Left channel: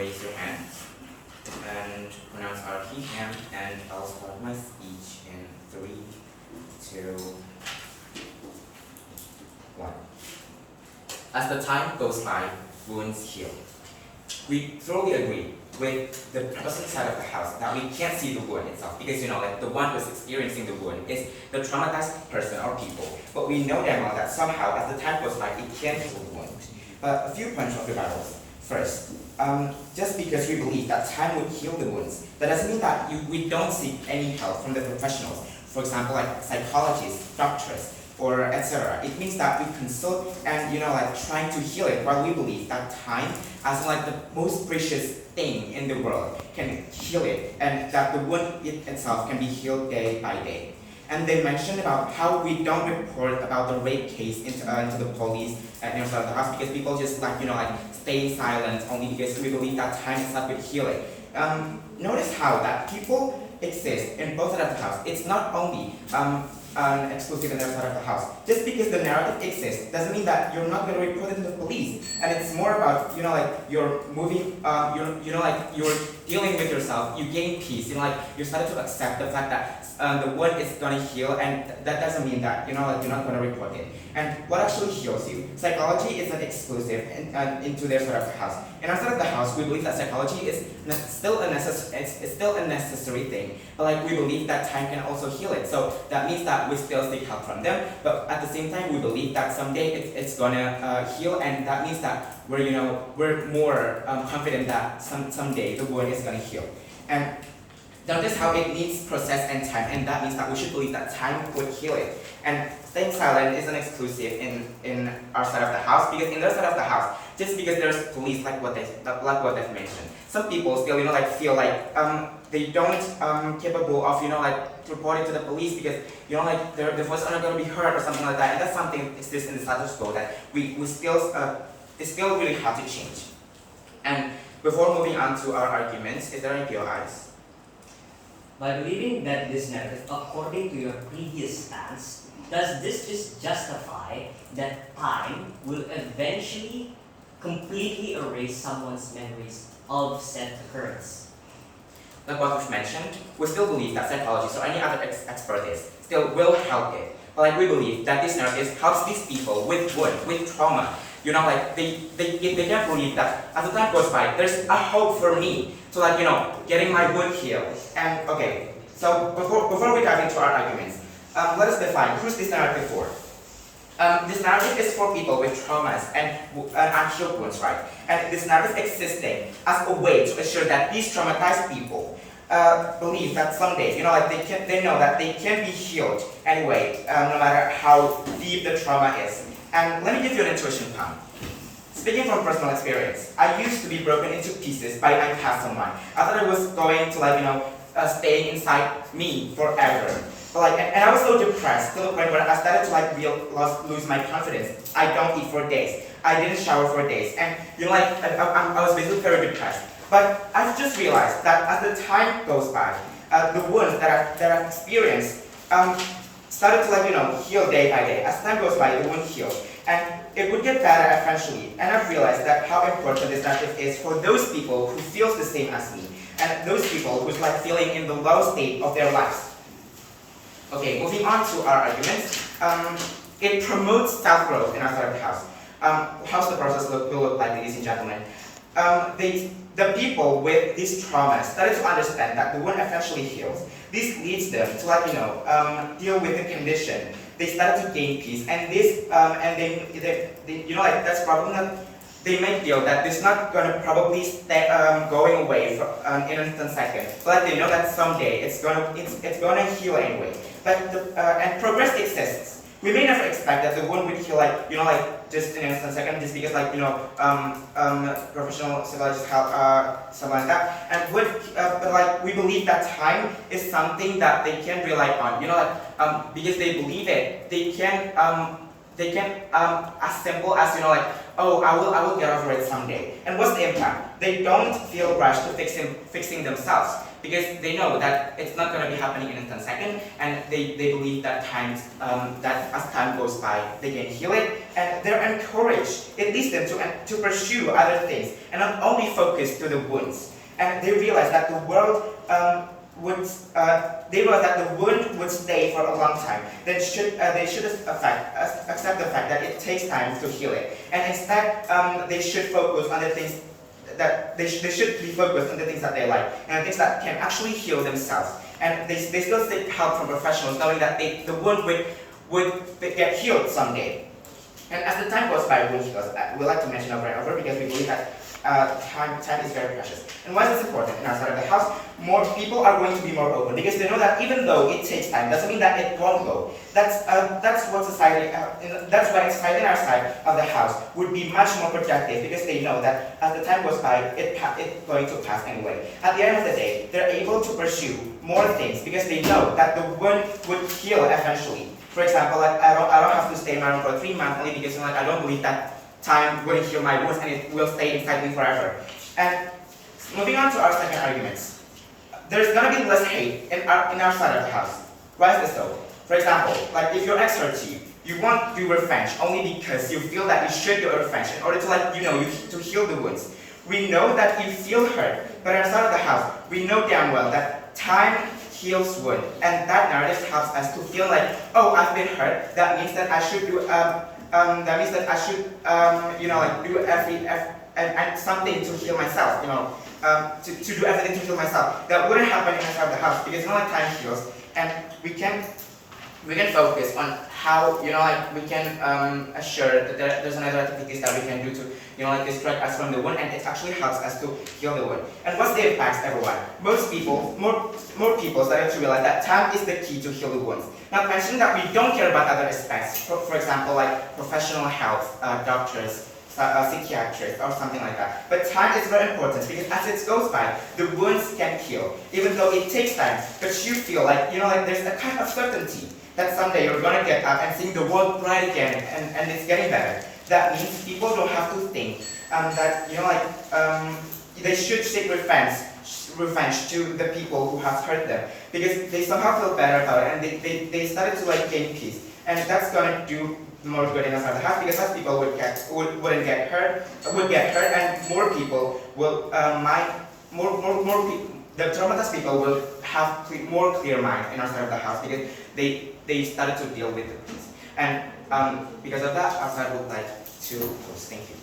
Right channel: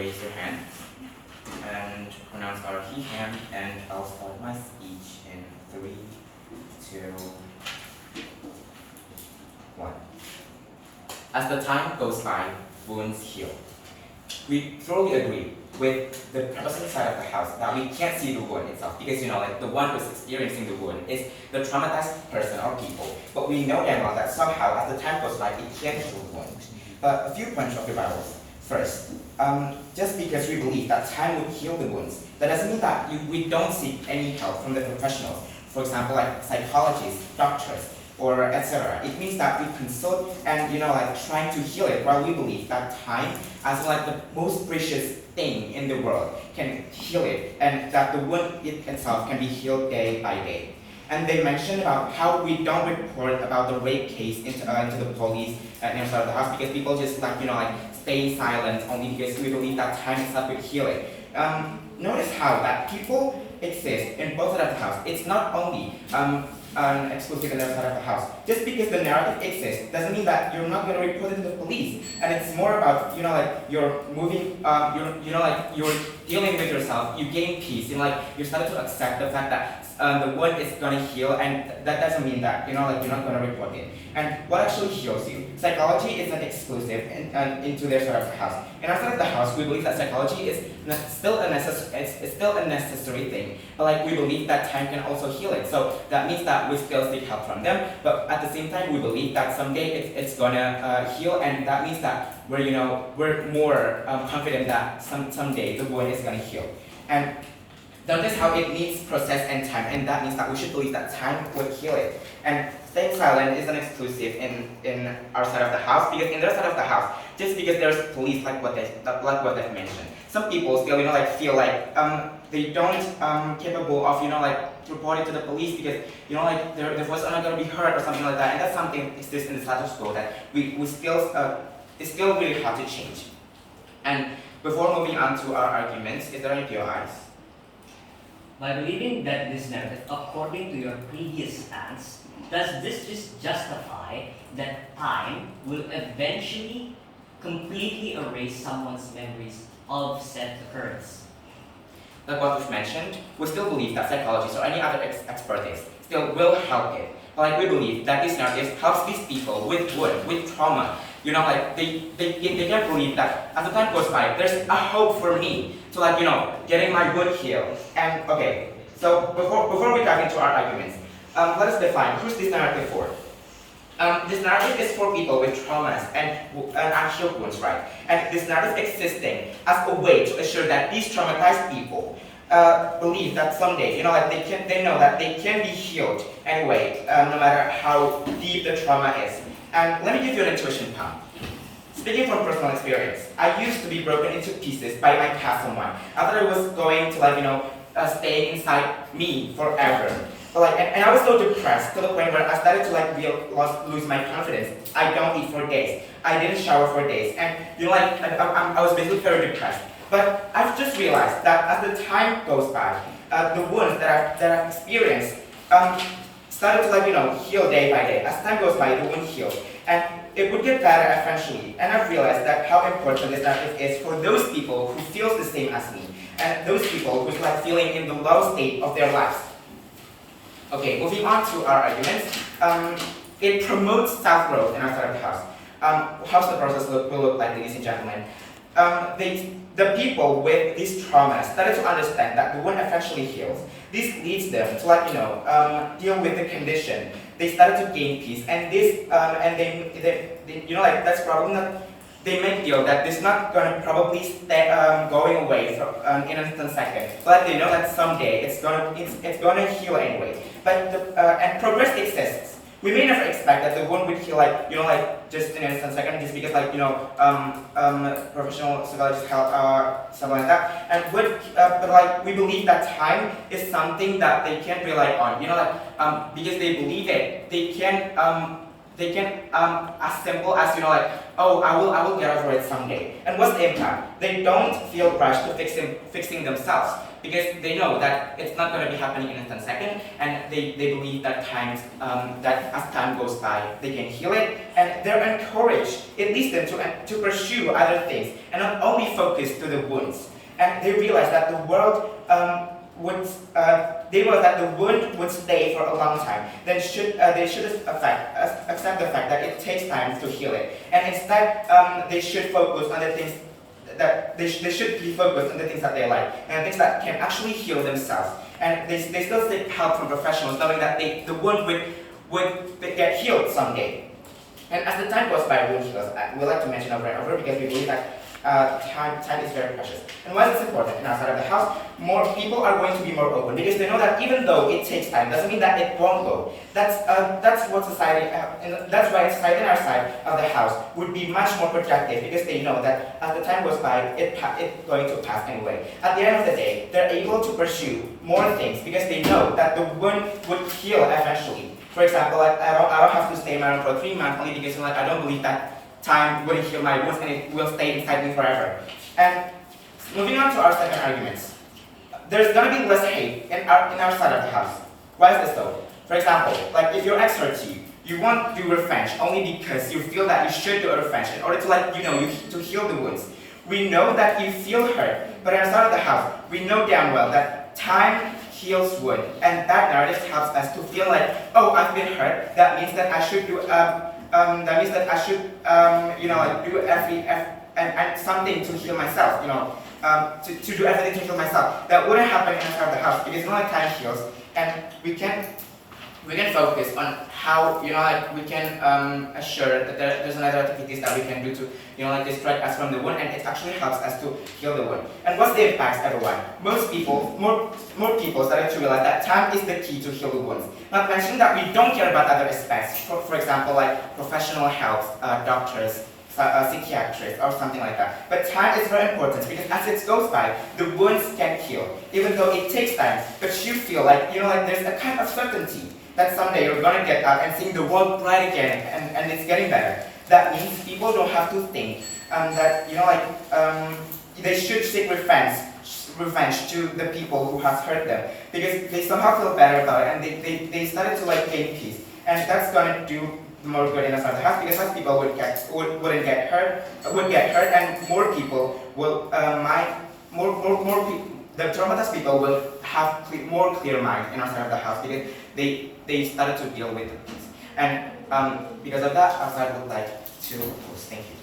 raise your hand and pronounce our key hand, and I'll start my speech in 3, 2, 1. As the time goes by, wounds heal. We thoroughly agree with the opposite side of the house that we can't see the wound itself because, the one who's experiencing the wound is the traumatized person or people. But we know damn well that somehow, as the time goes by, it can heal the wound. A few points of the Bibles. First, just because we believe that time would heal the wounds, that doesn't mean that we don't seek any help from the professionals. For example, like psychologists, doctors, or etc. It means that we consult and trying to heal it, while we believe that time, as like the most precious thing in the world, can heal it, and that the wound itself can be healed day by day. And they mentioned about how we don't report about the rape case into the police inside of the house because people just stay silent only because we believe that time itself would heal it. Notice how that people exist in both sides of the house. It's not only exclusive in the side of the house. Just because the narrative exists doesn't mean that you're not going to report it to the police. And it's more about you're moving, you're dealing with yourself. You gain peace. You start to accept the fact that the wound is going to heal, and that doesn't mean that you're not going to report it. And what actually heals you? Psychology is not exclusive into their side of the house. In our side of the house, we believe that psychology is still a necessary thing, but we believe that time can also heal it. So that means that we still seek help from them, but at the same time, we believe that someday it's gonna heal, and that means that we're more confident that someday the wound is gonna heal. And notice how it needs process and time, and that means that we should believe that time would heal it. And staying silent isn't exclusive in our side of the house, because in their side of the house, just because there's police like what they've mentioned, some people still feel like they don't capable of reporting to the police because their voice are not going to be heard or something like that, and that's something exists in the status quo that we still it's still really hard to change. And before moving on to our arguments, is there any your eyes? By believing that this narrative, according to your previous stance, does this just justify that time will eventually completely erase someone's memories of said occurrence? Like what we've mentioned, we still believe that psychologists or any other expertise still will help it. But we believe that this narrative helps these people with wound, with trauma. They can't believe that as the time goes by, there's a hope for me to getting my wound healed. And okay, so before we dive into our arguments, let us define who's this narrative for. This narrative is for people with traumas and unhealed wounds, right? And this narrative existing as a way to assure that these traumatized people believe that someday, they know that they can be healed anyway, no matter how deep the trauma is. And let me give you an intuition pump. Speaking from personal experience, I used to be broken into pieces by my past someone. I thought it was going to stay inside me forever. But and I was so depressed to the point where I started to lose my confidence. I don't eat for days. I didn't shower for days, and I was basically very depressed. But I've just realized that as the time goes by, the wounds that I've experienced started to heal day by day. As time goes by, the wound heals, and it would get better eventually. And I've realized that how important this narrative is for those people who feel the same as me, and those people who's feeling in the low state of their lives. Okay, moving on to our arguments. It promotes self-growth in our side of the house. How's the process will look like, ladies and gentlemen? The people with these traumas started to understand that the wound eventually heals. This leads them to deal with the condition. They started to gain peace, and this and they that's probably not. They make deal that this not gonna probably stay going away for, in an instant second, but they know that someday it's gonna heal anyway. But and progress exists. We may never expect that the wound would heal just in an instant second, just because professional psychologists help something like that. And but we believe that time is something that they can rely on. Because they believe it, they can as simple as oh, I will get over it someday. And what's the impact? They don't feel rushed to fixing themselves because they know that it's not going to be happening in a 10 second, and they believe that that as time goes by, they can heal it, and they're encouraged. It leads them to pursue other things and not only focus to the wounds. And they realize that the world wound would stay for a long time. Then they should accept the fact that it takes time to heal it, and instead they should focus on the things that they should be focused on the things that they like and the things that can actually heal themselves. And they still seek help from professionals, knowing that the wound would get healed someday. And as the time goes by, wound heals. We like to mention over and over because we believe that time is very precious. And why is this important? And outside of the house, more people are going to be more open because they know that even though it takes time, doesn't mean that it won't go. That's what society, that's why society on our side of the house would be much more productive because they know that as the time goes by, it's going to pass anyway. At the end of the day, they're able to pursue more things because they know that the wound would heal eventually. For example, like I don't have to stay in my room for 3 months only because I don't believe that time will heal my wounds and it will stay inside me forever. And moving on to our second argument, there's gonna be less hate in our side of the house. Why is this so? For example, like if your ex hurts you, you won't do revenge only because you feel that you should do a revenge in order to to heal the wounds. We know that you feel hurt, but on our side of the house, we know damn well that time heals wound, and that narrative helps us to feel like, oh, I've been hurt. That means that I should do do something to heal myself, to do everything to heal myself. That wouldn't happen inside the house because time heals, and we can focus on how we can assure that there's another activities that we can do to distract us from the wound, and it actually helps us to heal the wound. And what's the impacts, everyone? More people started to realize that time is the key to heal the wounds. Not mentioning that we don't care about other aspects, for example, like professional health, doctors, psychiatrists, or something like that. But time is very important because as it goes by, the wounds can heal, even though it takes time. But you feel like there's a kind of certainty that someday you're gonna get up and see the world bright again, and it's getting better. That means people don't have to think that they should seek revenge to the people who have hurt them because they somehow feel better about it, and they started to gain peace, and that's gonna do more good in the house because less people would get hurt, and more people will more people. The traumatized people will have more clear mind in our side of the house because they started to deal with the peace. And because of that, our side would like to close. Thank you.